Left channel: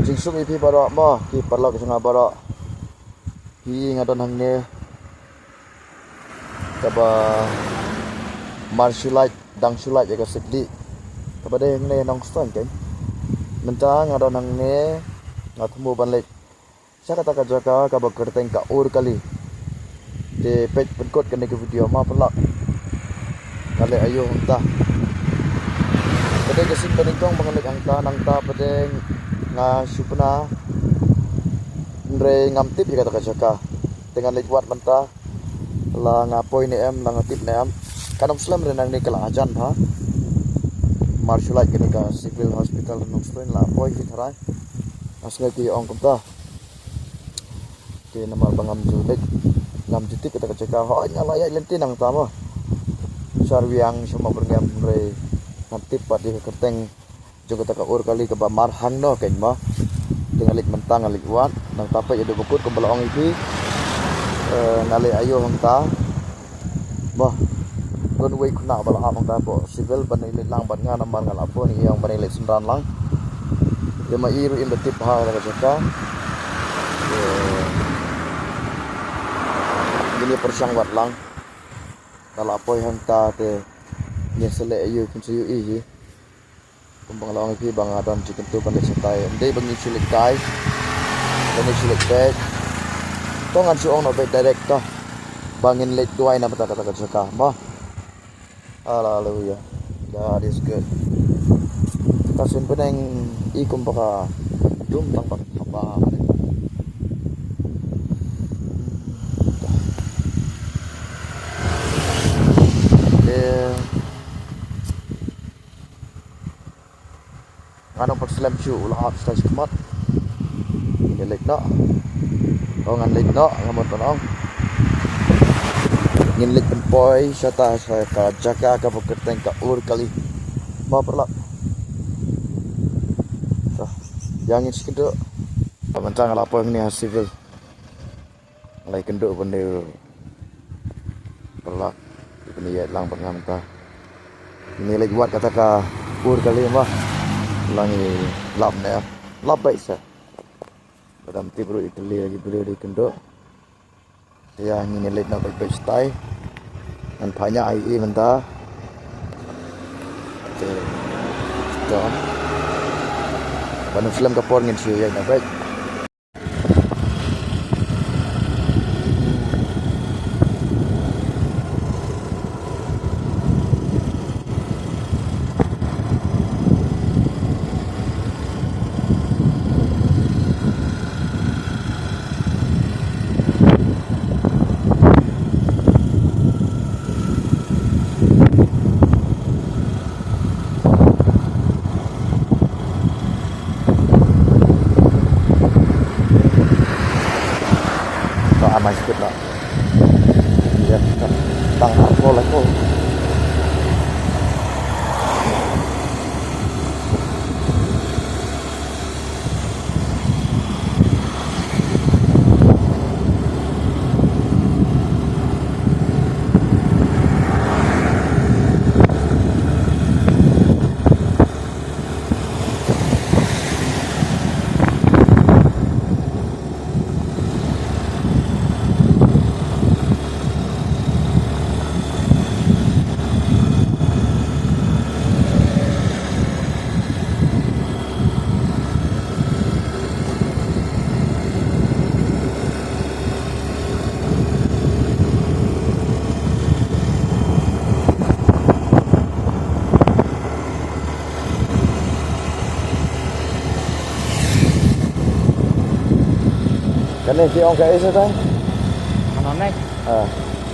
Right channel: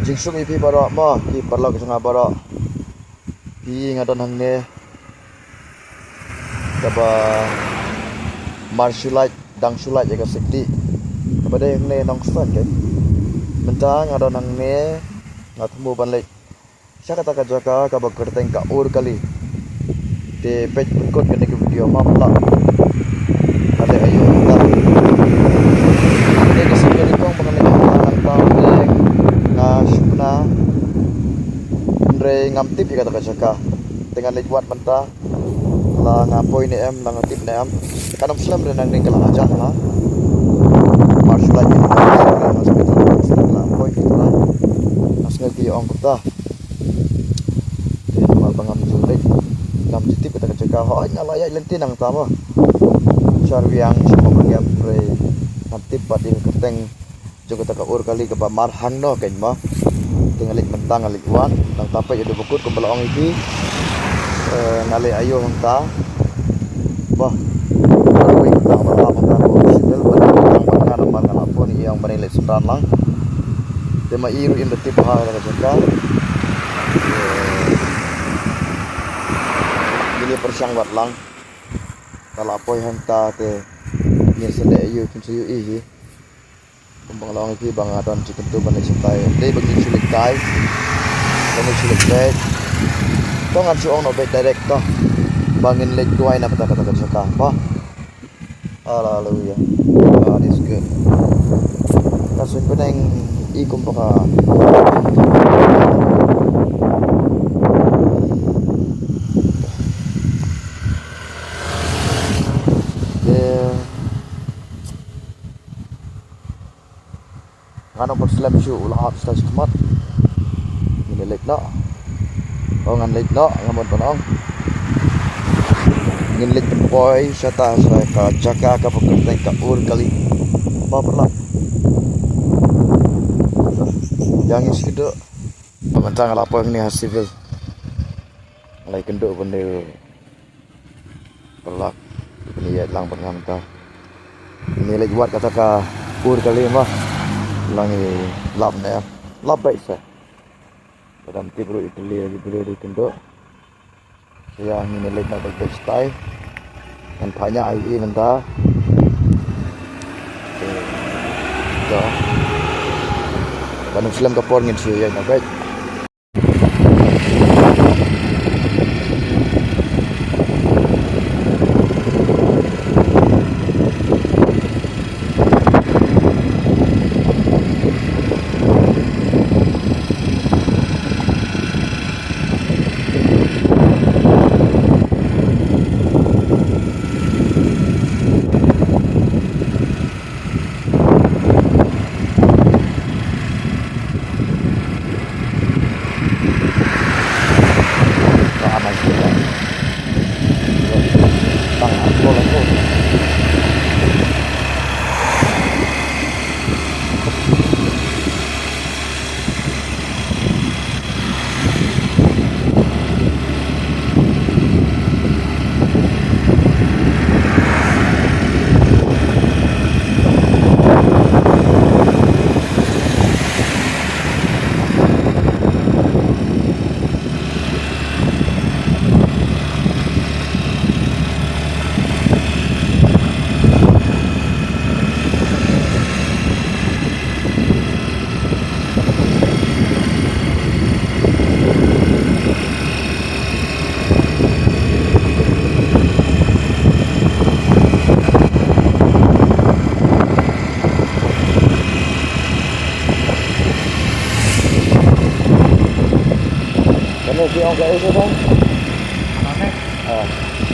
jingsum ipi barok mo pi parlo kesanga barok pi ngadon hangne kaba marsulait dang sulait jaga sekti kaba de hangne nong stan ke mentang ngadon hangne ngatmu banlek saya kata jaga kaba kerteng ka ur kali de page berikut kene ke video mapla kali ayo kita kene kesikari kong mengenai nang tambeng ngasupna ndre ngamtip ya kata jaga dengan lewat mentah la ngapoi ni em la ngatip ni em kanong slam renang ning kala aja ha martial art ni kan masuk kita la poi ki lah asnga ki ong kota di rumah bangam julek ngam titip kata jaga ho nyala ya lenti nang tama sarwiang semua bangam re ngatip padi keteng juga tak ur kali ke bamar hangno ken ma dengan lik mentang lik wan nang tapai ada bukut ke belong iki ngale ayo hangta bah wi ta bala hangta bo sibel bala nang bana naman ngalapo ni yang banilit sundan lang de ma iru in the tip ha ka jaka ini persiang wat lang kalapo hangta te ni sele ayo kunsiyu i kumbang lawang iki bang adon cikentu balik santai de bagi silik kai bagi silik back tongan suong no back direct to bangin leg tuai na pata kata saka pa haleluya God is good kasun peneng ikum paka ano pagsalam siya ulah stage kemat ini leg no ngan leg no ngamon tonong ngin leg boy sata sa ka jaka ka pagkenteng ka ur kali maperla yang iskido pamantang lapo ni civil lai kendo bende perlak bende lang pengamta ini leg buat kata ka ur kali mah langi lap ne lap baik sa dalam tibru ikli lagi beli di kendo saya ini lek na baik style dan banyak ai menta to banyak film kapor ngin siya na baik si ông kể sao không? Này.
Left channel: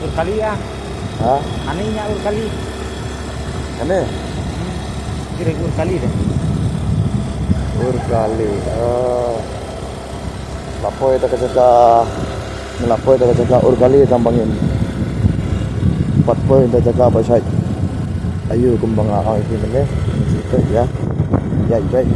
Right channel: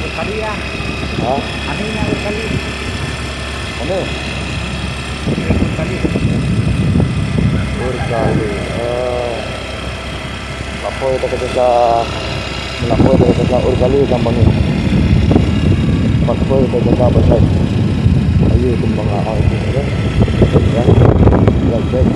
Urkali ya. Hah? Anehnya urkali. Aneh? Kira urkali. Urkali. Lapo itu ketika melapo itu ketika urkali gampangin. Lapo itu ketika besar. Ayo kembang arah itu ya. Ya. Ya, baik.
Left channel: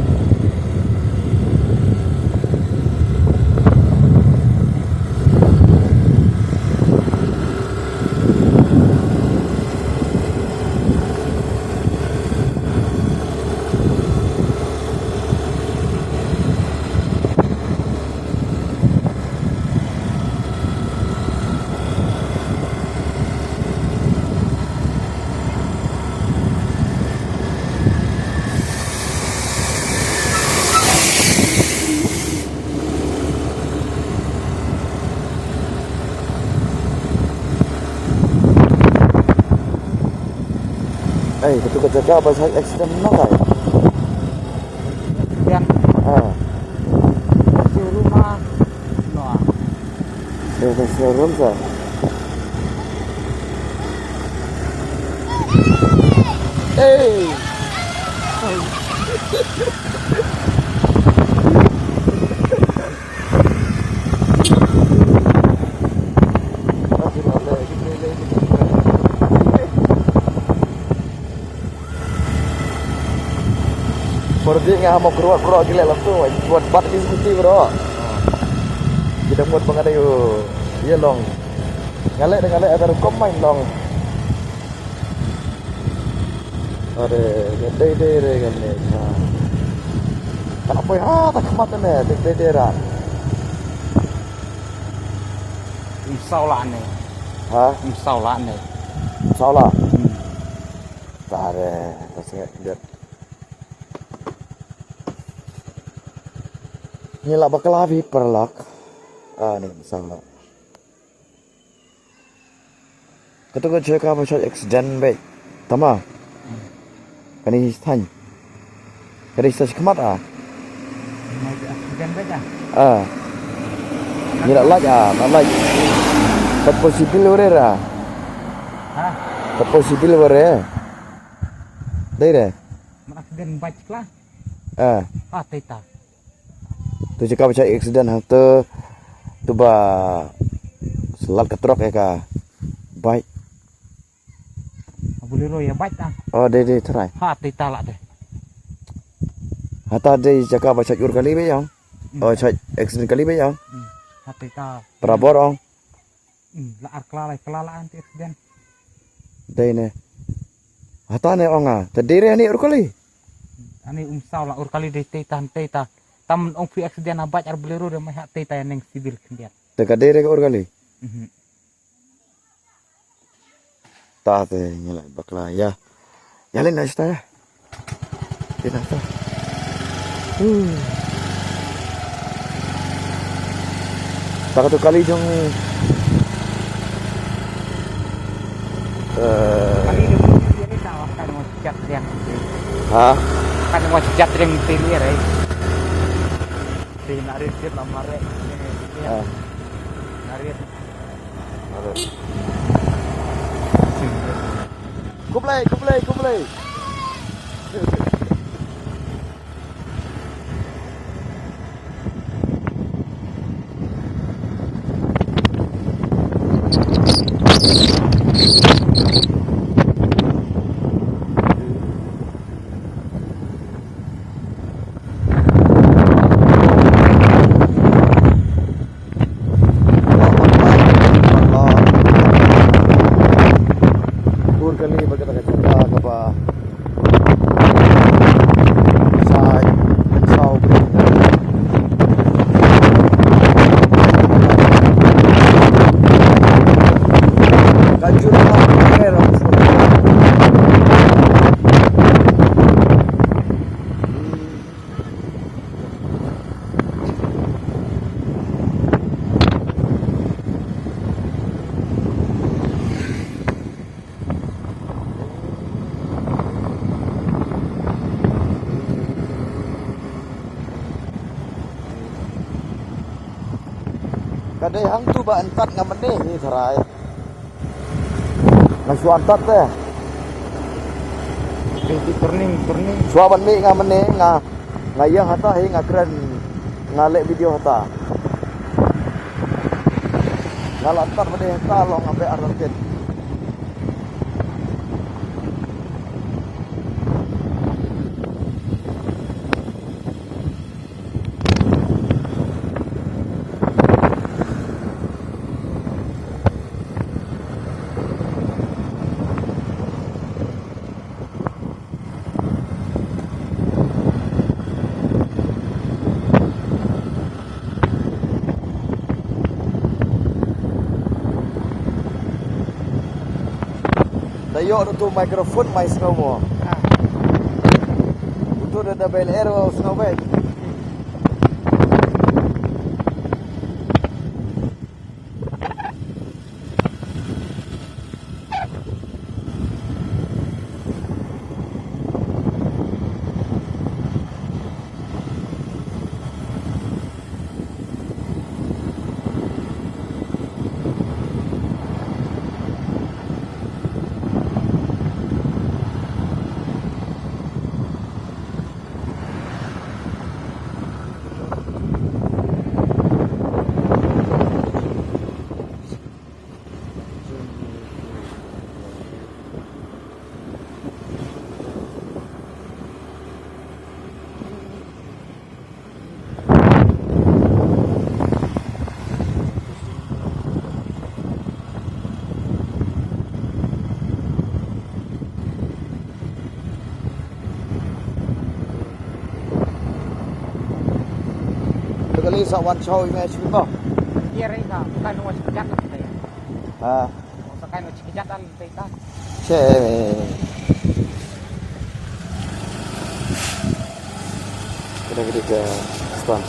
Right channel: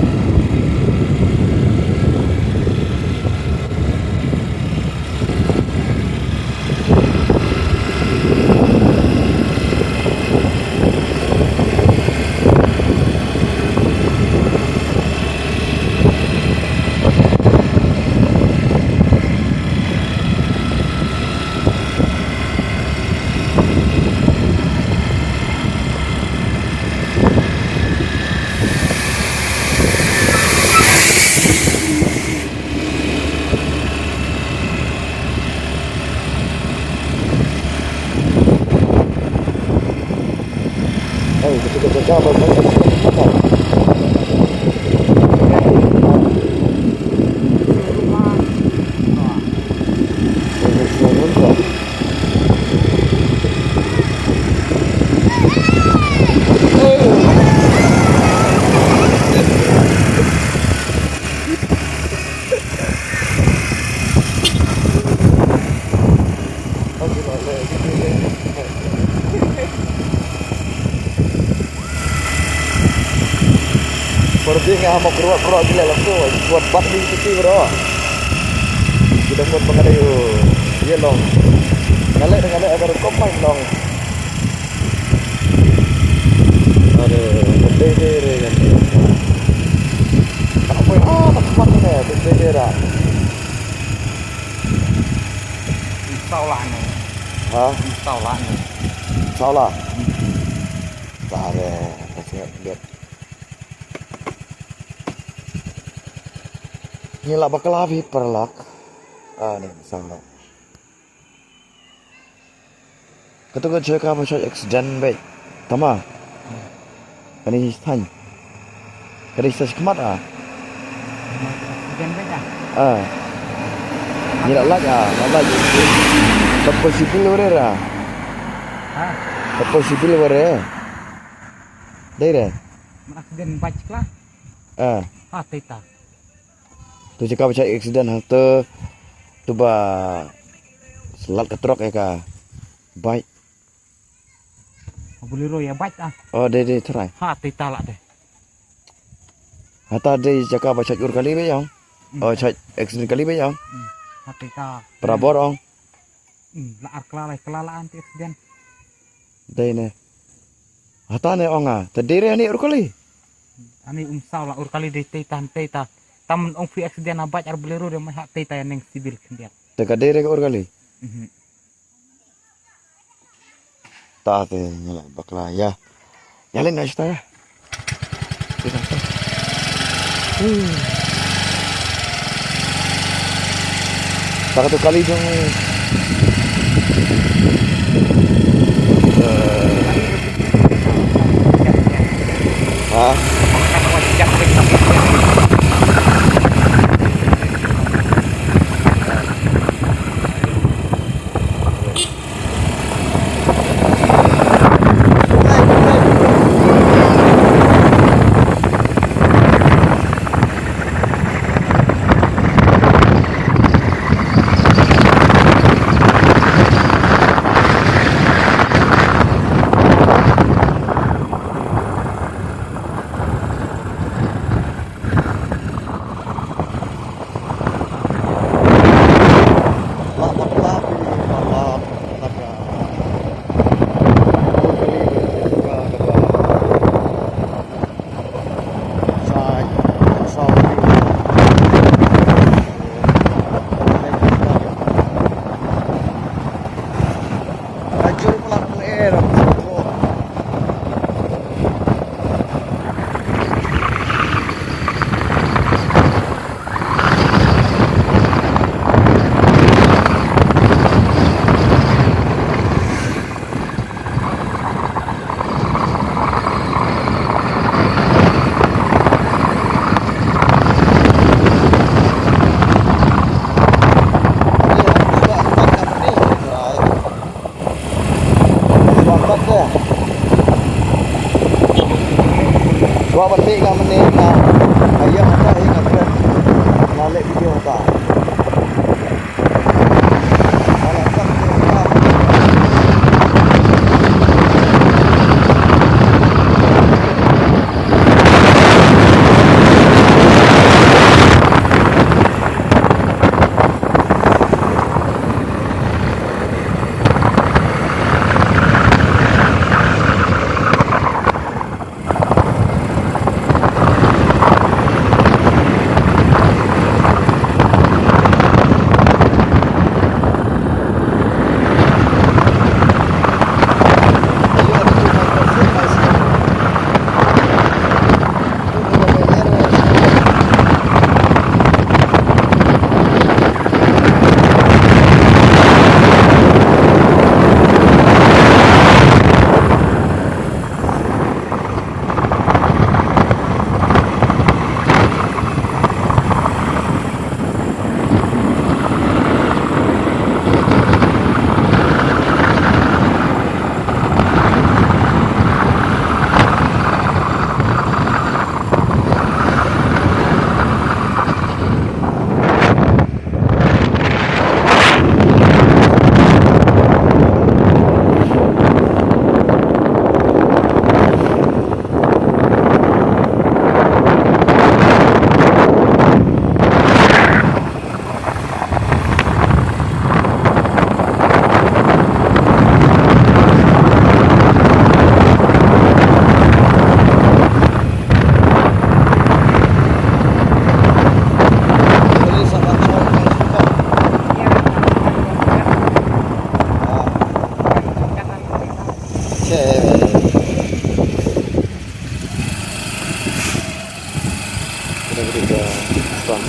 ketika jaga bahasa eksiden mana? Ah, Di rumah. Nah, eksiden kan? Pergi ngah mau keruat gila lah tu, buat bat ni kita bro. Kita buat pengadai dia long. Ngalek agar kau main long. Ada dede kan ni. Apa ya? Tak kemana ni? Dede dah. instaulannya. Hah? Instaulannya. Salah. Tak ada. Masih lihat. Ni lah bakal habis perlak. Ni misalnya. Ketika cakap apa cakap accident baik, tama. Kani tanya. Kani stasi kemat ah. Accident baik ah. Ni nak lagi. Tak possible orang lah. Hah? Tak possible orang. Dah dah. Accident baik lah. Teta. Tu cakap macam accident tu ba selat ke truk ya ka. Baik. Bolero ya baik ah. Oh dia try. Teta lah deh. Hata dia cakap macam ur kali be yang. Oh cak accident kali be yang. Teta. Perabot ong. Laar kelalaan tu accident. Dah ni. Hata ni ong ah. Terdiri ni ur kali. Ani umsau lah ur kali deh teta. Taman ong fi accident abat ar bolero dia mah teta yang sibil kendian. Dekat diri ke ur kali. Tak tu nyala bakla ya. Nyalin dah cerita ya. Kita tak. Tak tu kali jong. Hah? Kan wajib dengan teta. Suapat deh. Suapat ni ngah mening ngah. Ayah hata ngah keren. Nalek video hata. Kalau tak mening hata. ke stand.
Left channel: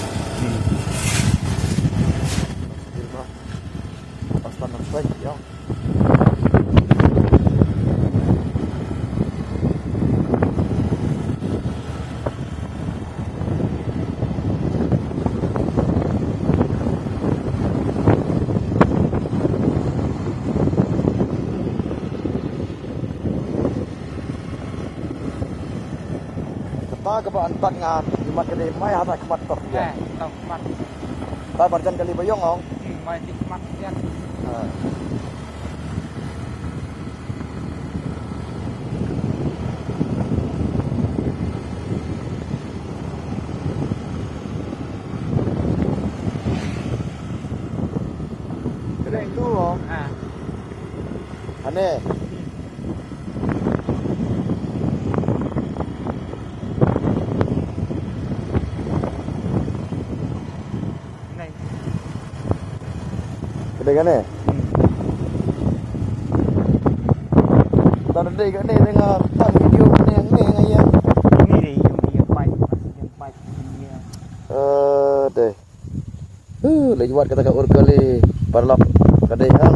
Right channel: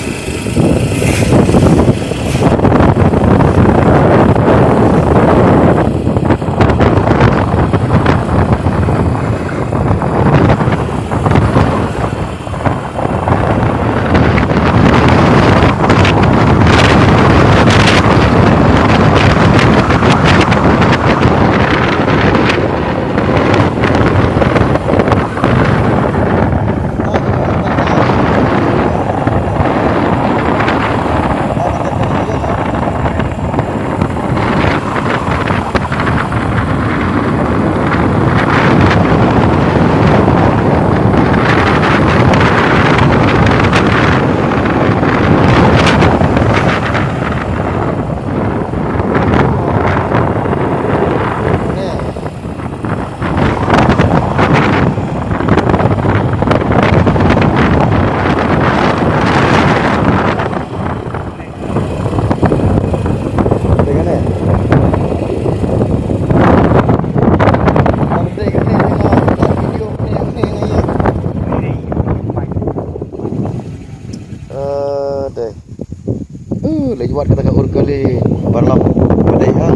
Dengan ni. Kalau dengan ni dengan tak video ni yang ni dengan ya. Deh. Lagi buat kata kat kali parlap kadaihan.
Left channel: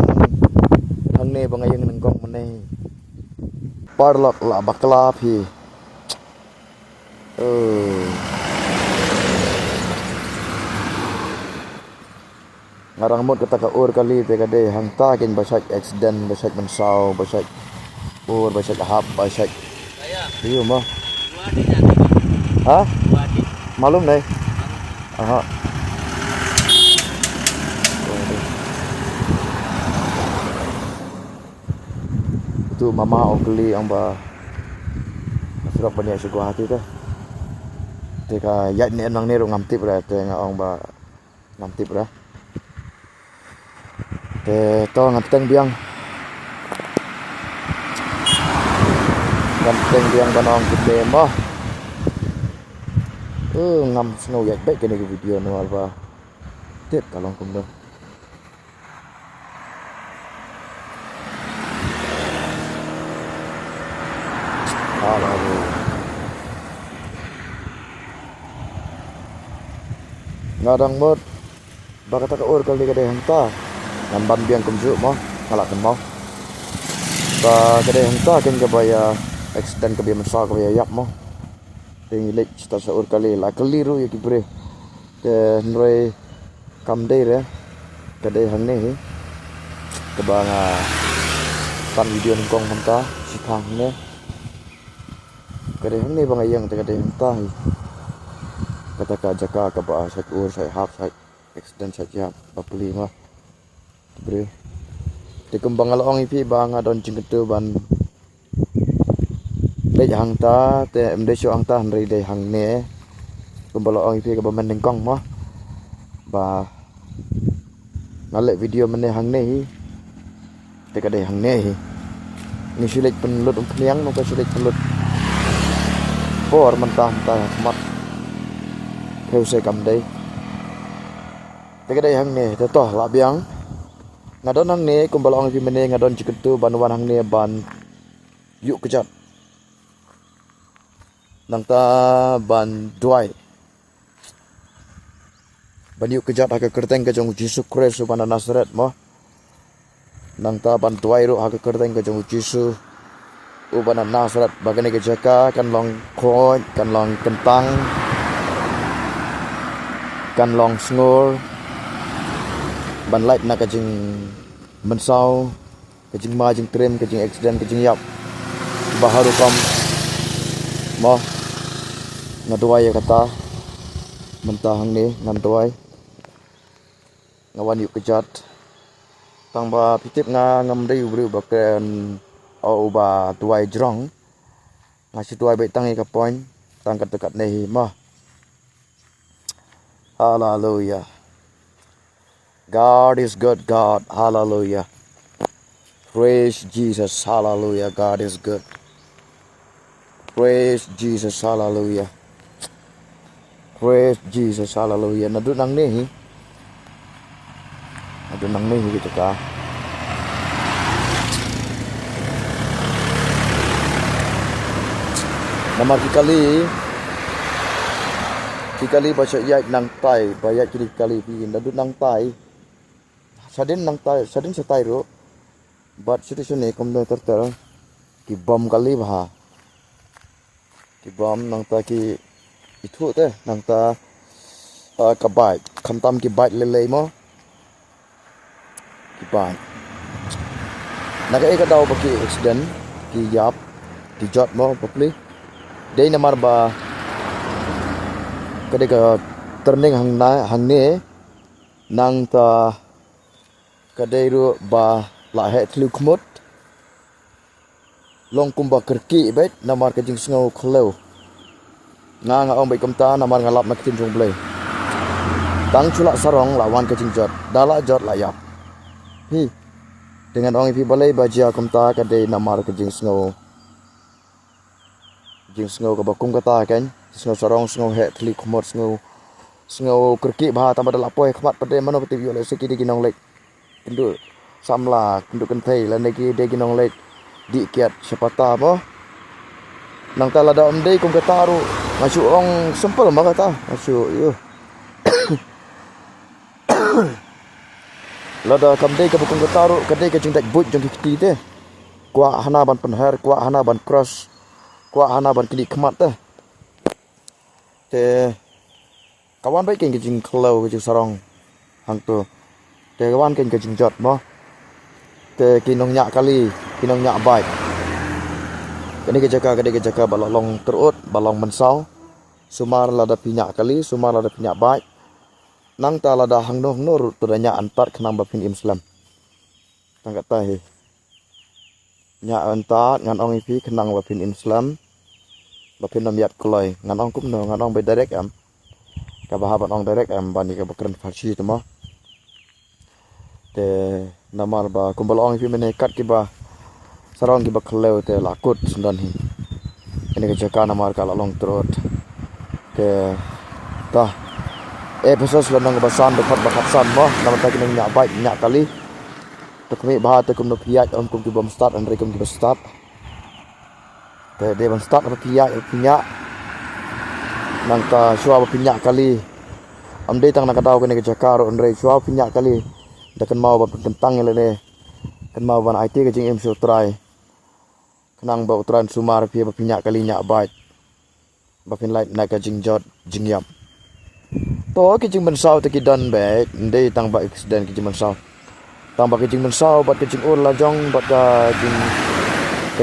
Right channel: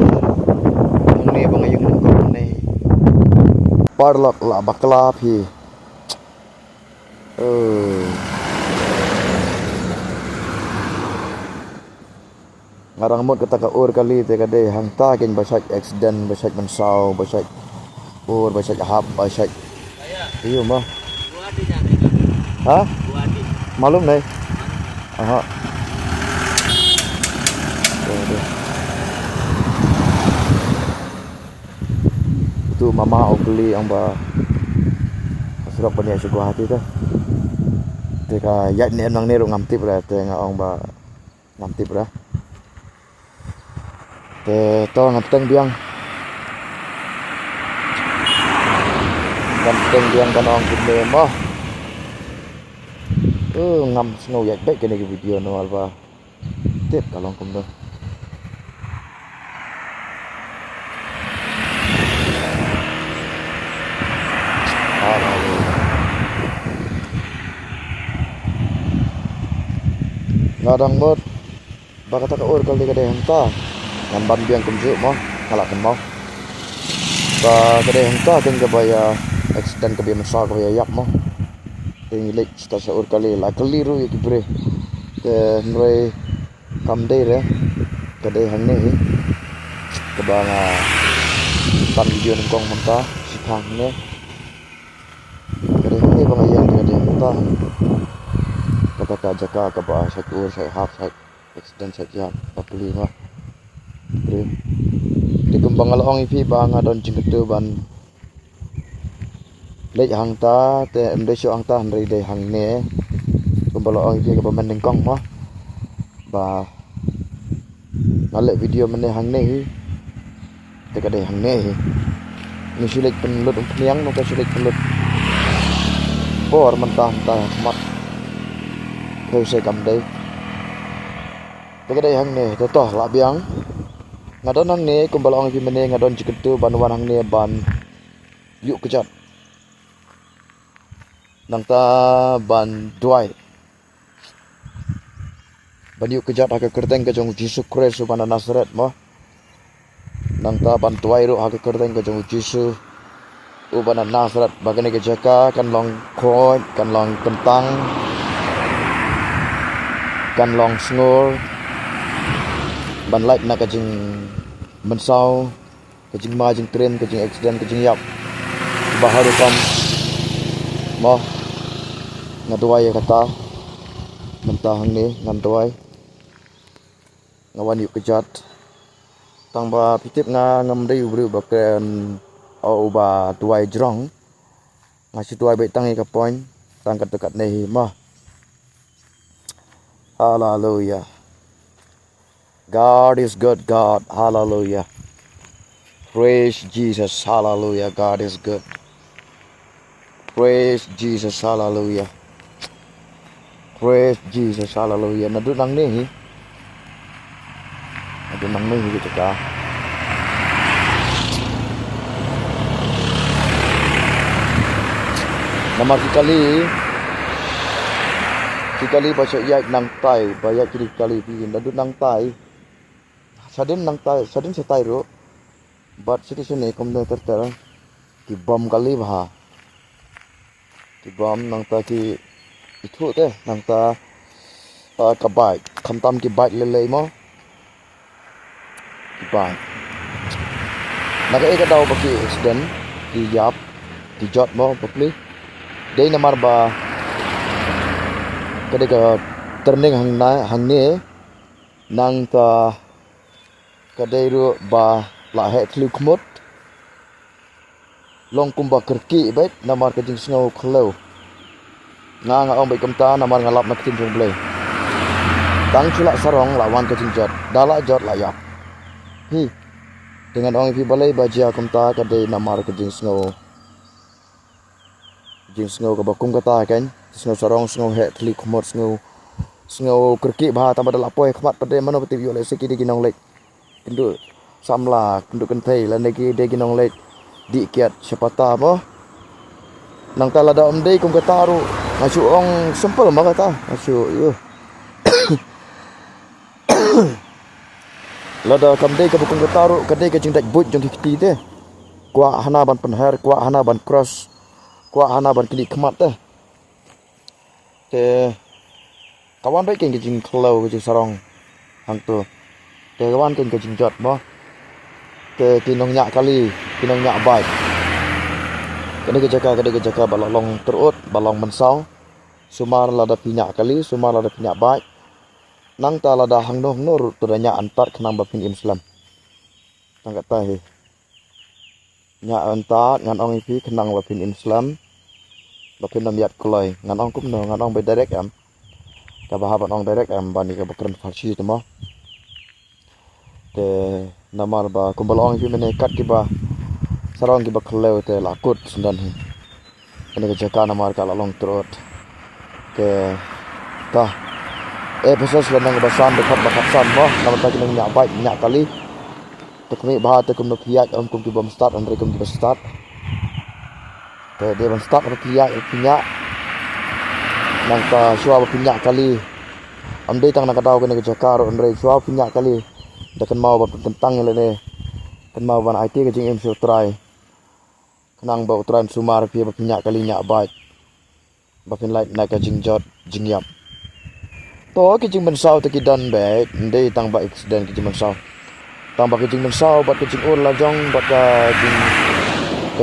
Ang ni bangayong ng kong ni. Parlap la bakla phi. Ngarang mod kata ka kali te kadai hang ta ken basak accident basak mensau basak basak hap basak iyo mah ha malum nih aha itu mama kali ang ba surat bani si gua hati teh te ka yat ni nang ni ro ngamtip ra te nga ang ba ngamtip ra to ngapteng biang banong gede mah ngam snow yak baik kene video no alba tip kalong kum do ngadang mod bakata ka kali kadai hanta ngamban biang kumju mo ngalakan mo ba kadai hanta ken ka baya accident ka biang masa ka baya yak mo ting lek sta sa kali la keliru ya kibre te nrei kam dei re kadai hang ne ka ba nga pan video ng kong monta si thang ne kadai hang ne ba nga yang kadai hanta kata ka jaka ka ba sa sa half sa accident sa ya papuli mo Bre. Di kembang along ipi bang adon cingketu ban. Lek hang ta te embeso ang ta handai dei hang ne. Kembang along ipi ka bamen kong mah. Ba ngalek video mene hang ne hi. Te ka dei hang ne hi. Ni sulit penlut peniang no ka sulit penlut. Por mentah mentah mat. Theo se kam dei. Te ka dei hang ne to toh la biang. Ngadon hang ne kumbalong ipi mene ngadon ciketu banwan hang ne ban yuk kejat nangta ban duai ban yuk kejat haka kerteng ke jong Yesus Kristus ban Nazaret mo nangta ban duai ro haka kerteng ke jong Yesus u ban Nazaret bagane ke jaka kan long khoi kan long kentang kan long snor ban light na kajing mensau kajing ma jing tren kajing accident kajing yap baharu kam mo ngaduai kata mentahang ni nganduai ngawan yuk kejat tang ba pitip nga ngam dei ubru baken au ba tuai jrong ngasi tuai bai tangi ka point tang kat dekat nei mah hallelujah. God is good, God, hallelujah. Praise Jesus, hallelujah. God is good. Praise Jesus, hallelujah. Praise Jesus, hallelujah. Nadu nang ni gitu ka. Nomor kali Kali baca yai nang tai bayat kali pin dadu nang tai sadin setai ro bat situation ne kom no terter ki bom kali bha ki bom nang ta ki itu te nang ta ka bai kham tam ki bai le mo ki bai naga e ka daw baki accident ki yap ki jot mo popli dei namar ba kadeka turning hang ne nang ta kadai ru ba la he thlu khmut long kumba kerki bet namar ka jing sngo khlo nga ong bai kamta namar ngalap nak tin jong blai tang chula sarong lawan ka jing jot dala jot la yap hi dengan ong ipi balai bajia kamta kadai namar ka jing sngo ka bakum kata kan sngo sarong sngo he thli khmut sngo kerki ba tambah dala poi khmat pade mano pati yo le seki di ginong lek kendu samla kendu kentai la neki de ginong lek di kiat sepata mo nang tala da om dei kum kata ru ngasu ong sempel ma kata ngasu yo lada kam dei ka bukum kata ru kadai ka jingdak but jong kiti te kwa hana ban penher kwa hana ban cross kwa hana ban kili khmat te kawan baik ke jing khlo ke sarong hang tu ke kawan ke jing jot mo ke kinong nyak kali kinong nyak bai kene ke jaka balong terut balong mensau sumar lada pinyak kali sumar lada pinyak bai nang ta lada hang noh nur tu nya antar kenang bapin Islam tangkat tahi nya antar ngan ong ipi kenang bapin Islam bapin namiat koloi ngan ong kum no ngan ong bai direct am ka bahabat ong direct am bani ka bakran farsi tu mo te namar ba kumbal ong ipi mene kat ki ba sarong ki ba khlew te lakut sundan hi ini ke jaka namar ka long trot ke ta episode lanang basan dekat bakat san mo namar ta kinang nyak bai nyak kali to kami ba te kum no piat om kum ki bom start andre kum ki start te de bom start ro piat nang ta suwa pinyak kali am de tang nakadaw kene ke jaka ro andre suwa pinyak kali dakan mau ba tentang le ne kan mau ban IT ke jing em so try kenang ba utran sumar pi ba pinyak kali nyak bait ba pin light na ka jing jot jing yap to ke jing mensau te ki dan be ndei tang ba accident ke jing mensau tang ba ke jing mensau ba ke jing ur la jong ba ka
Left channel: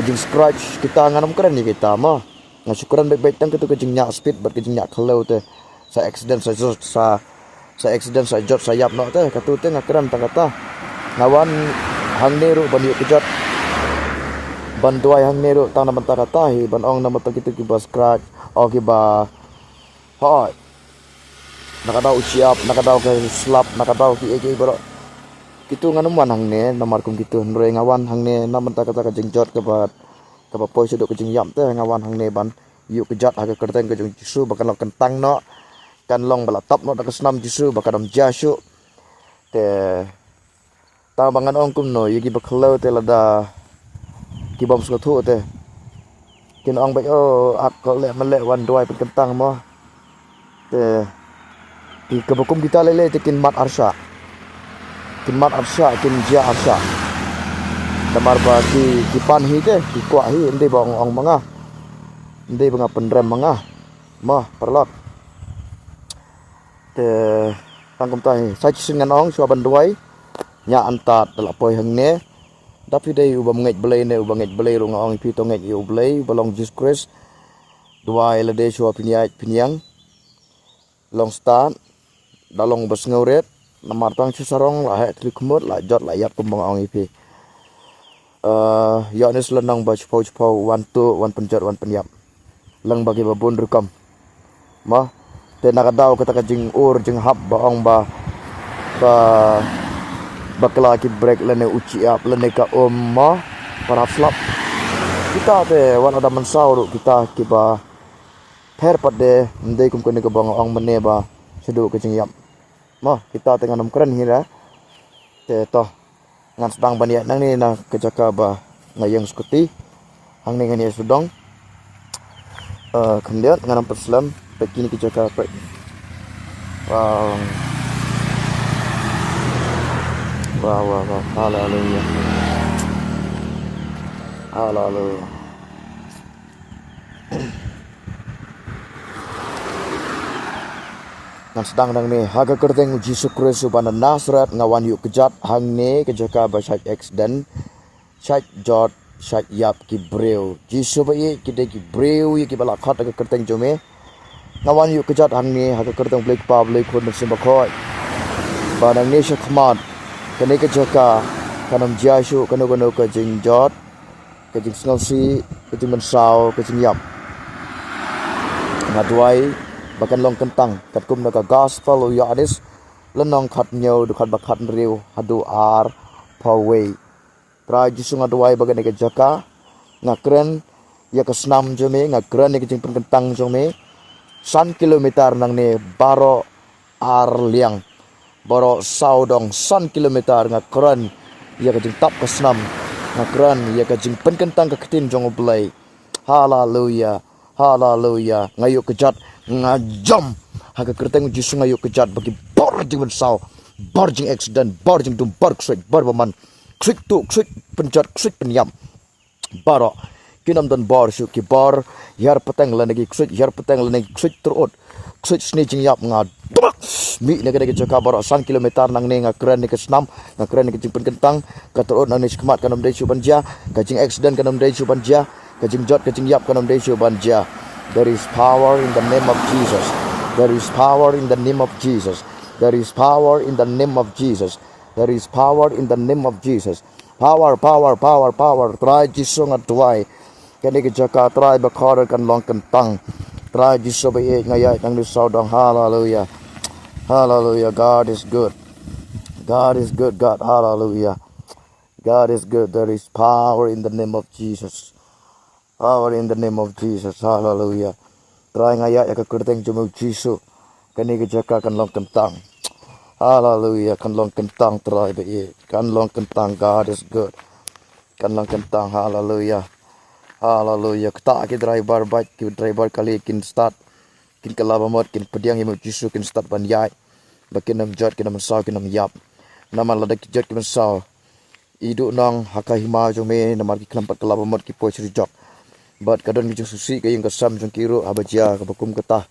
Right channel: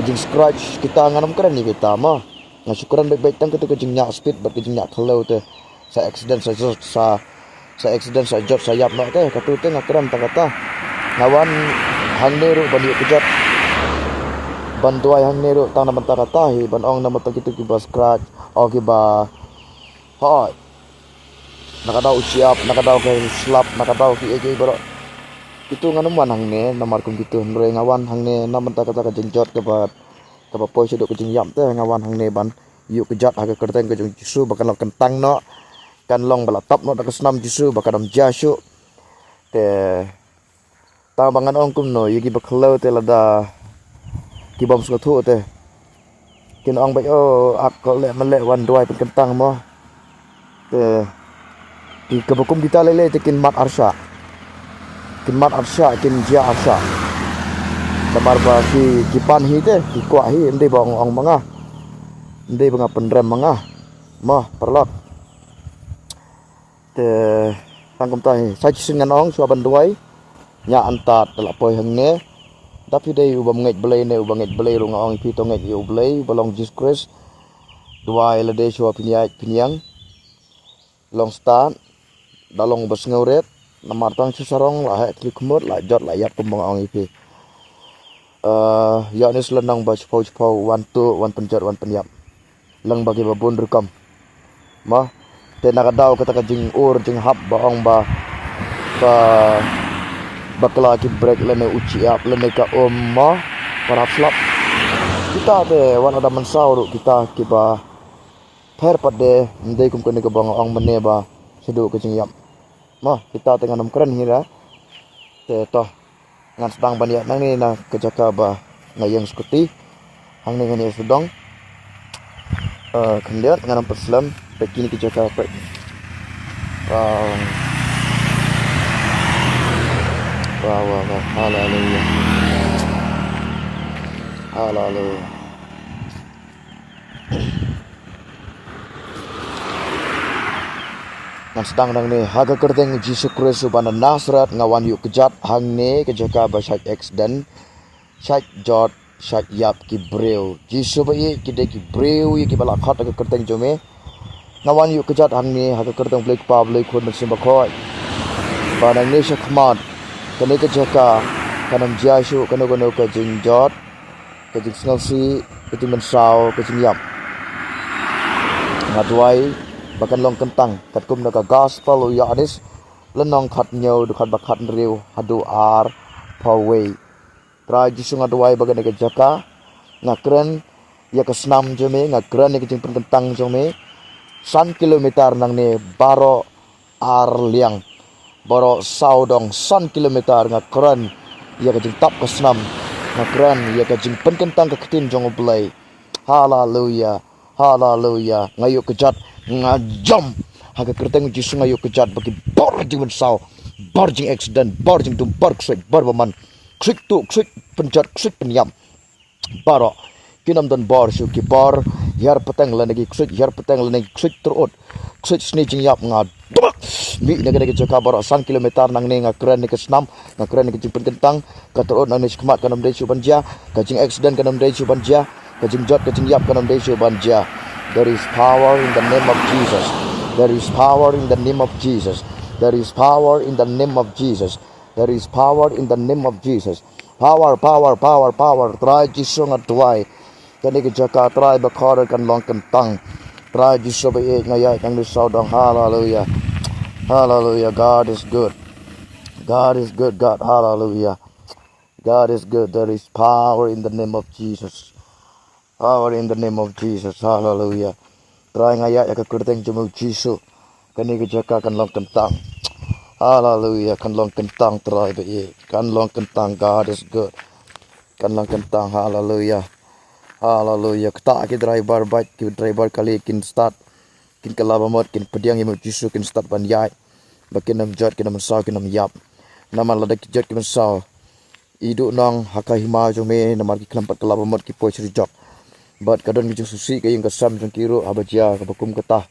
jing scratch kita nganam keren ni kita mah ngasukuran baik-baik tang ke jing nyak speed ba ke jing nyak khlo te sa accident sa jot sa yap no te katu te ngakran ta kata ngawan hang neru ban yu kejat ban tuai hang neru tang na ta kata hi ban ong na mata kitu ki ba scratch o ki ba hoi nakadaw siap nakadaw ke slap nakadaw ki ege baro kitu nganuman hang ne namar kum kitu nre ngawan hang ne na mata kata ka jing jot ke ba poi sedok ke jing yam te ngawan hang ne ban yu kejat aga kerteng ke jing jisu bakal kentang no kan long bala top no da kesnam jisu bakadam jasu te ta bangan ong kum no yigi bakhlo te lada ki bom sko thu te kin ong bai o ak ko le male wan doi pen kentang mo te ki kebukum kita lele te kin mat arsha kin ja arsha tamar ba ki pan hi te ki kwa hi ende bong ong manga ende banga pendrem manga mo perlot te tangkum tai sai singan ong so ban doi nya antat la poi hang ne tapi dei ubam ngej belai ne ubam ngej belai ro ngong pi to ngej yu belai balong Jesus dua le de so pinyang long start dalong bas ngauret namar tang sarong la he klik mut la jot la yap kum ngong pi ya ne selenang ba chpau wan tu wan penjat wan penyap lang bagi babun rekam ma te nakadaw kata ka jing ur jing hap ba ong ba bakla ki break lene uci ap lene ka ma para slap kita te wan ada mensau kita ki ba per pade ndai kum kene ka bang ong mene ba sedu ke jing yap ma kita tengah nam keren hira te to ngan sedang baniat nang ni na kejaka ba ngayang skuti hang ni ngani sudong kemudian ngan perslam pekini kejaka Wow. Wow, wow, wow. Hallelujah. Hallelujah. Nan sedang nang ni haga kerteng Yesus Kristus bana Nazareth ngawan yuk kejat hang ni kejaka basak accident sak jot sak yap ki breu Yesus bayi kide ki breu ki bala khat haga kerteng jome ngawan yuk kejat hang ni haga kerteng blek pa blek khun mesim bakhoi bana ni sakmat kene kejaka kanam Yesus kanu kanu ka jing jot ka jing snelsi ka jing mensau ka jing yap ngadwai bahkan long kentang katkum naka gospel ya anis lenong khat nyau du khat bakhat riu hadu ar pawei tra jisu ngadwai bagan ke jaka ngakren ya kesnam jome ngakren ke jingpen kentang jome 1 kilometer nang ne baro ar liang baro saudong 1 kilometer ngakren ya ke jing tap kesnam ngakren ya ke jingpen kentang ke ketin jong oblai haleluya haleluya ngayuk kejat ngajam haga kerteng Yesus ngayuk kejat bagi bor jing mensau bor jing accident bor jing dum bor ksik bor baman ksik tu ksik penjat ksik penyam baro kinam dan bor su ki bor yar peteng lenegi ksik yar peteng lenegi ksik terut ksik sni jing yap ngad mi nega joka baro 1 kilometer nang ne ngakren ni kesnam ngakren ni jing penkentang ka terut nang ni skmat kanam dei su banja ka jing accident kanam dei su banja ka jing jot ka jing yap kanam dei su banja. There is power in the name of Jesus. There is power in the name of Jesus. There is power in the name of Jesus. There is power in the name of Jesus. Power, power, power, power. Try Jesus ngatwai. Kani ke jaka try bakor kan long kentang. Try Jesus bae ngaya nang lisau dong. Hallelujah. Hallelujah. God is good. God is good. God. Hallelujah. God is good. There is power in the name of Jesus. Power in the name of Jesus. Hallelujah. Try ngaya ya ke kerteng jemu Yesus. Kani ke jaka kan long kentang. Hallelujah. Kan long kentang try bae. Kan long kentang. God is good. Kan long kentang. Hallelujah. Hallelujah. Kita ki driver bike ki driver kali kin start kin kalabamot kin pediang jemu Yesus kin start ban yai. Bakin nam jot kin nam saw kin nam yap. Nama ladak jot kin saw. Idu nang hakahima jome namar ki kelampat kalabamot ki poi srijok. But kadon ki susi ka yung kasam jong kiro abajia ka bakum kata.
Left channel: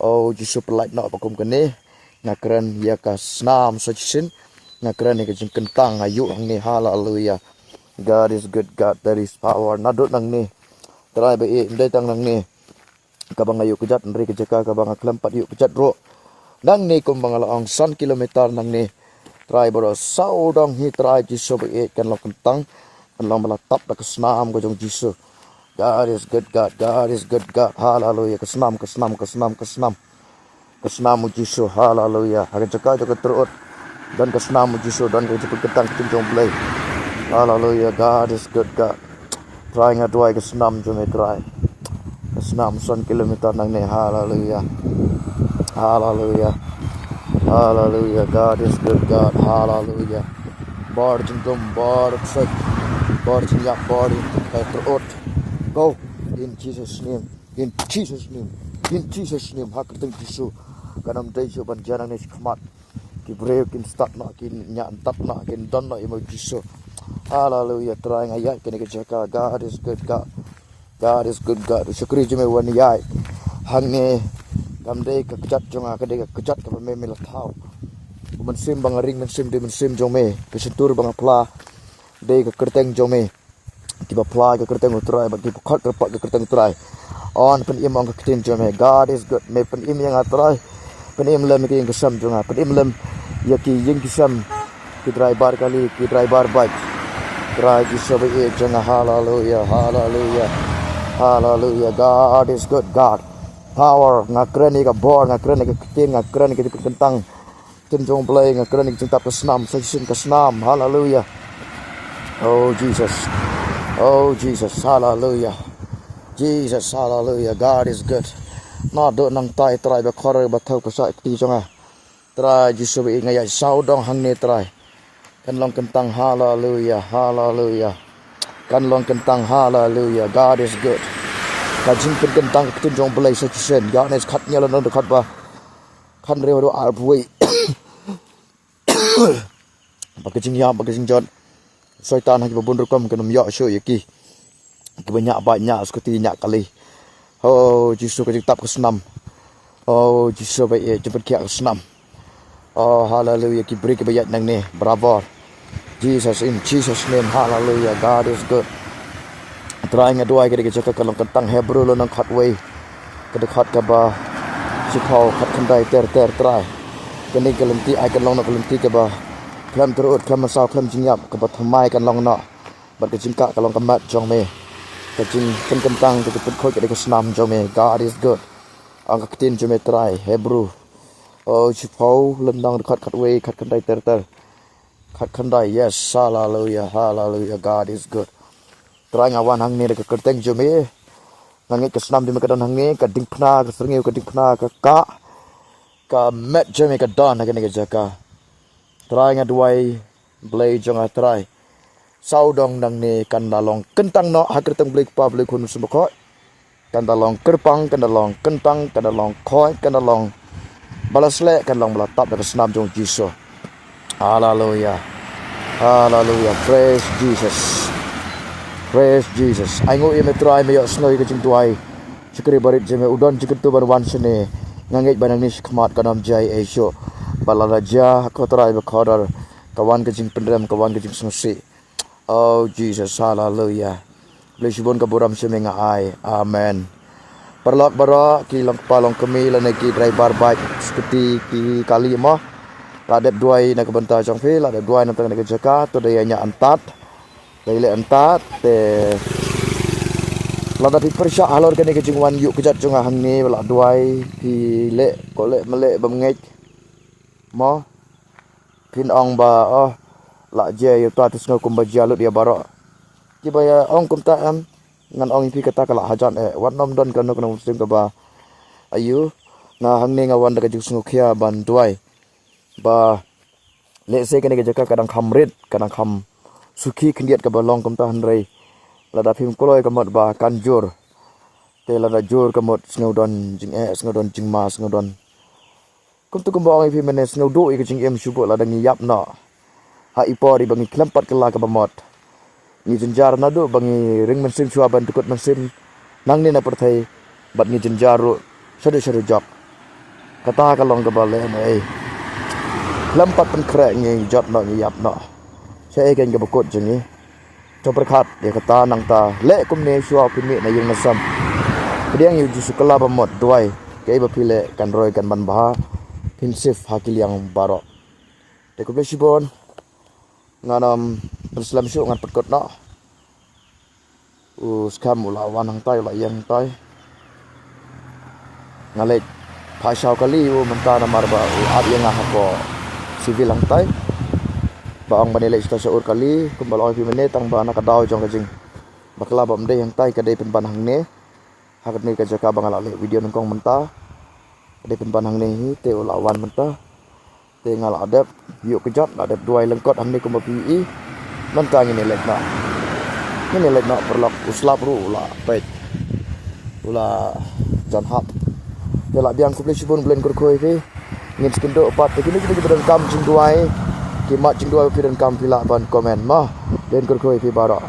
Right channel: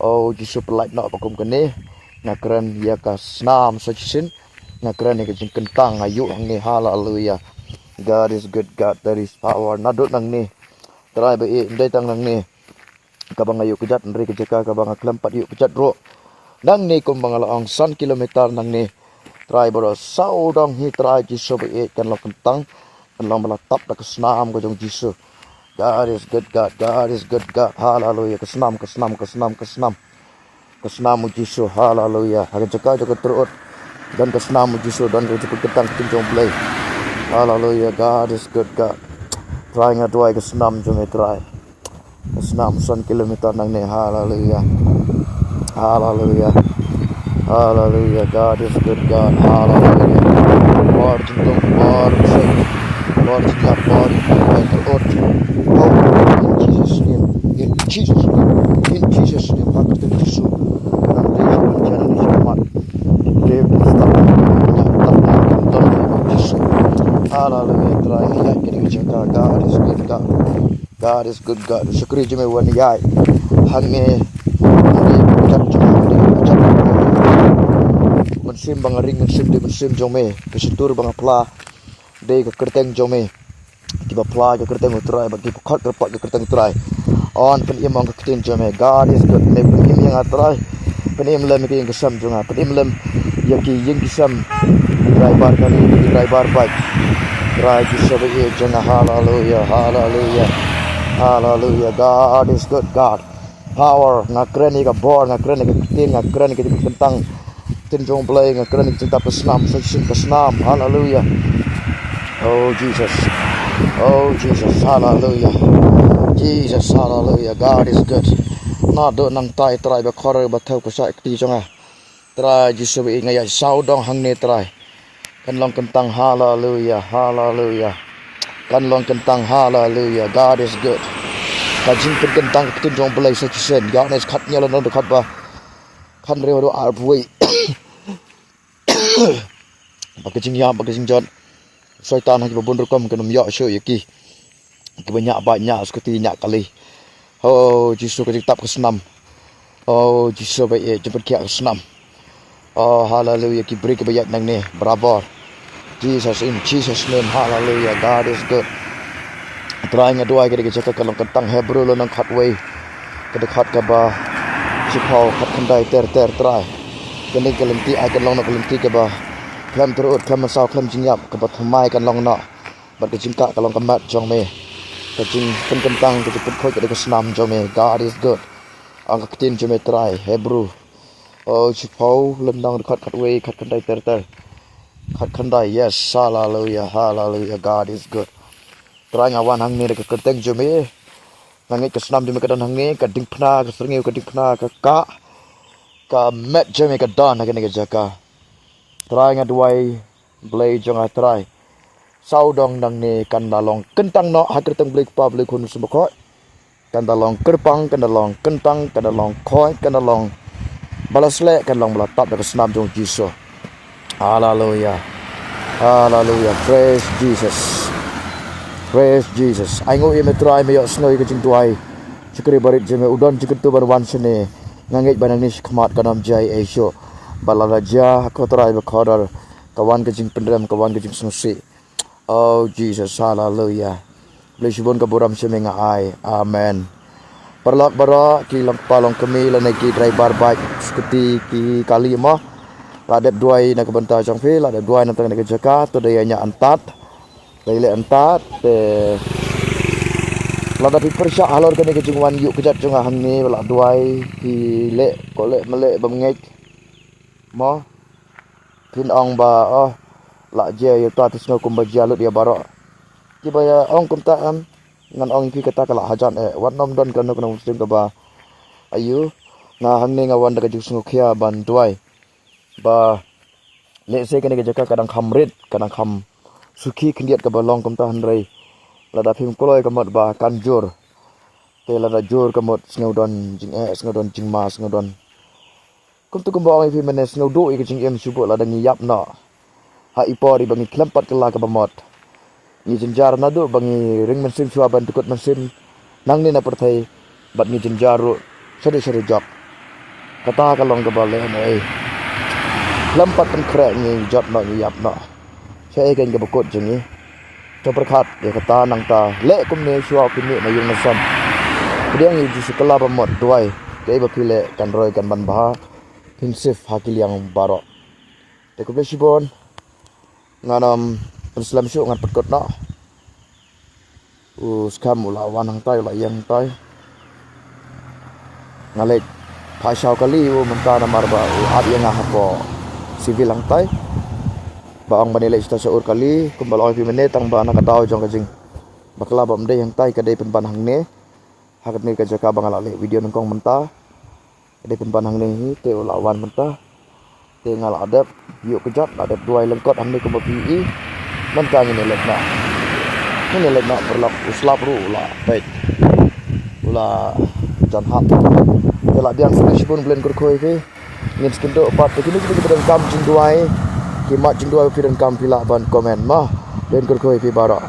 Oh Yesus pelait nak bakum kene ngakran ya ka snam sajisin ngakran ka jing kentang ayu hang ni hallelujah. God is good. God, there is power nadut nang ni try ba indai tang nang ni kabang ayu kejat nri kejaka kabang kelampat yu kejat ro nang ni kum bangalaong 1 kilometer nang ni try bro saudong hi try Yesus ba kan lo kentang kan lo melatap ka snam ka jong Yesus. God is good. God. God is good. God. Hallelujah. Kesenam, kesenam, kesenam, kesenam. Kesenam Yesus. Hallelujah. Hari jaka jaka terut dan kesenam Yesus dan keceput ketang ketinjong play. Hallelujah. God is good. God. Try ngadwai kesenam jome try. Kesenam 1 kilometer nang ne. Hallelujah. Hallelujah. Hallelujah. God is good. God. Hallelujah. Bor jengdong bor sek. Bor jinggap bor terut. Oh, in Jesus' name, in Jesus' name, in Jesus' name, Hakatan Yesus, kanam Yesus berjalan di selamat, brave di start, nyantap nonton Yesus. Hallelujah, try ayat kini kerjakan. God is good, God. God is good, God. Syukuri jeme wani yai, hange, cat cuma cat, mensim bangaring mensim di mensim jome, kesentur bangapla, de kekerteng jome. Tiba pla ke kerteng utrai bagi pukot kerpat ke kerteng utrai on penim ang ketin jome. God is good. Me penim yang atrai penim lem ki yang kesam jonga penim lem yaki yang kesam di driver kali di driver bike try ki sabe jonga. Hallelujah. Hallelujah. Hallelujah. God is good. God power ngakreni ka bor ngakreni ka ketin ngakreni ka kentang tin jong play ngakreni ka tap kesnam section kesnam. Hallelujah. Oh Jesus. Oh Jesus, hallelujah. Jesus, hallelujah. God is good. Na do nang tai try ba khore ba thau ko sa ti jonga. Try Jesus bi ngaya sau dong hang ne try. Kan long kentang hallelujah. Hallelujah. Kan long kentang hallelujah. God is good. Ka jing kentang tin jong belai sa chisen. God is khat nyala no khat ba. kan reo do arbui bagajing ya bagajing jot syaitan hagi babun rekam kenum ya syo yaki banyak seperti nyak kali oh jisu ke tap ke senam oh jisu baik jemput kia ke senam oh hallelujah ki beri kebayak nang ni bravo Jesus in Jesus name hallelujah God is good trying adoi ke jaka kalong kentang Hebrew lo nang khatway ke dekat ke ba sipau khat khandai ter try kini kelenti ai kan long nak kelenti ke ba klam terut klam masau klam jinyap ke ba thmai kan long na bat ke jingka kalong kemat jong me ke jing pen kentang ke put khoi ke senam jong me God is good ang ketin jome try Hebrew oh sipau lendang dekat khatway khat khandai ter khat khandai yes hallelujah hallelujah God is good terang awan hang ni ke kerteng jome nangit ke senam jome ke dan hang ni ke ding phna ke serngiu ke ding phna ke ka met jome ke dan ke ni ke jaka terang aduai blai jong atrai saudong nang ni kan dalong kentang no ha kerteng blai pa blai kun subakot kan dalong kerpang kan dalong kentang kan dalong khoi kan dalong balasle kan long belatap ke senam jong Jesus hallelujah hallelujah praise Jesus praise Jesus aingo ye metrai me yo snoi ke jing tuai chikri barit je me udon chiktu bar wan sene ngangit banang ni khmat kanam jai esho balaraja khotrai be khodar kawan ke jing pendram kawan ke jing snosi oh Jesus hallelujah blesibon ka buram semenga ai amen perlak bara ki long palong kemi la ki driver bike skuti ki kali ma ladep duai na kebenta jong fe ladep duai na tang ke jaka to dayanya antat Laile antat te lada pi persya alor kene ke jingwan yuk kejat jong hang ni la duai ki le ko le mele bamngej mo pin ong ba oh la je yu ta tisno kum ba jalut dia barok ki baya ong kum ta am ngan ong pi kata kala hajan wan nom don kan no muslim ka ba ayu na hang ni ngawan da ke jing sungu khia ban duai ba le se kene ke jaka kadang khamrit kadang kham suki kendiat ke balong kum tahan rei lada phim koloi kamot ba kanjur te lada jur kamot snowdon jing snowdon jing ma snowdon kum tu kum ba phim mene snowdo i jing em subo lada ngiyap na ha ipori bangi klempat kela ke bamot ni jenjar na do bangi ring mensim chua ban tukut mensim nang ni na perthai bat ni jenjaru sade job kata kalong ke bale nei klempat pen krek ni job na ngiyap na saya kan ke bekut jengi to berkat dia kata nang ta le kum ne shua pini na yung nasam kediang yu ji sekala bamot duai ke ba pile kan roi kan ban bah pinsif hakil yang barok te ku besibon nganam Islam syu ngat pekut na skam ulawan hang tai la yang tai ngalek phasau kali menta na marba ab yang hapo civil hang tai baang banilai sta seur kali kumbal pi menit tang ba nakadaw jong kajing bakla bam de yang tai kadai pen panhang ne hakat ni ka jaka bangala le video nongkong menta kadai pen panhang ne te ulawan menta te ngal adap yuk kejat adap duai lengkot hang ni kumba pi menta ni lek na perlak uslap ru la pet ula jan hap te la biang sibun blen kurkhoi ke ngin skindo pat kini kita bedan kam jing duai ki mat jing duai pidan kam pila ban komen ma den kurkhoi pi bara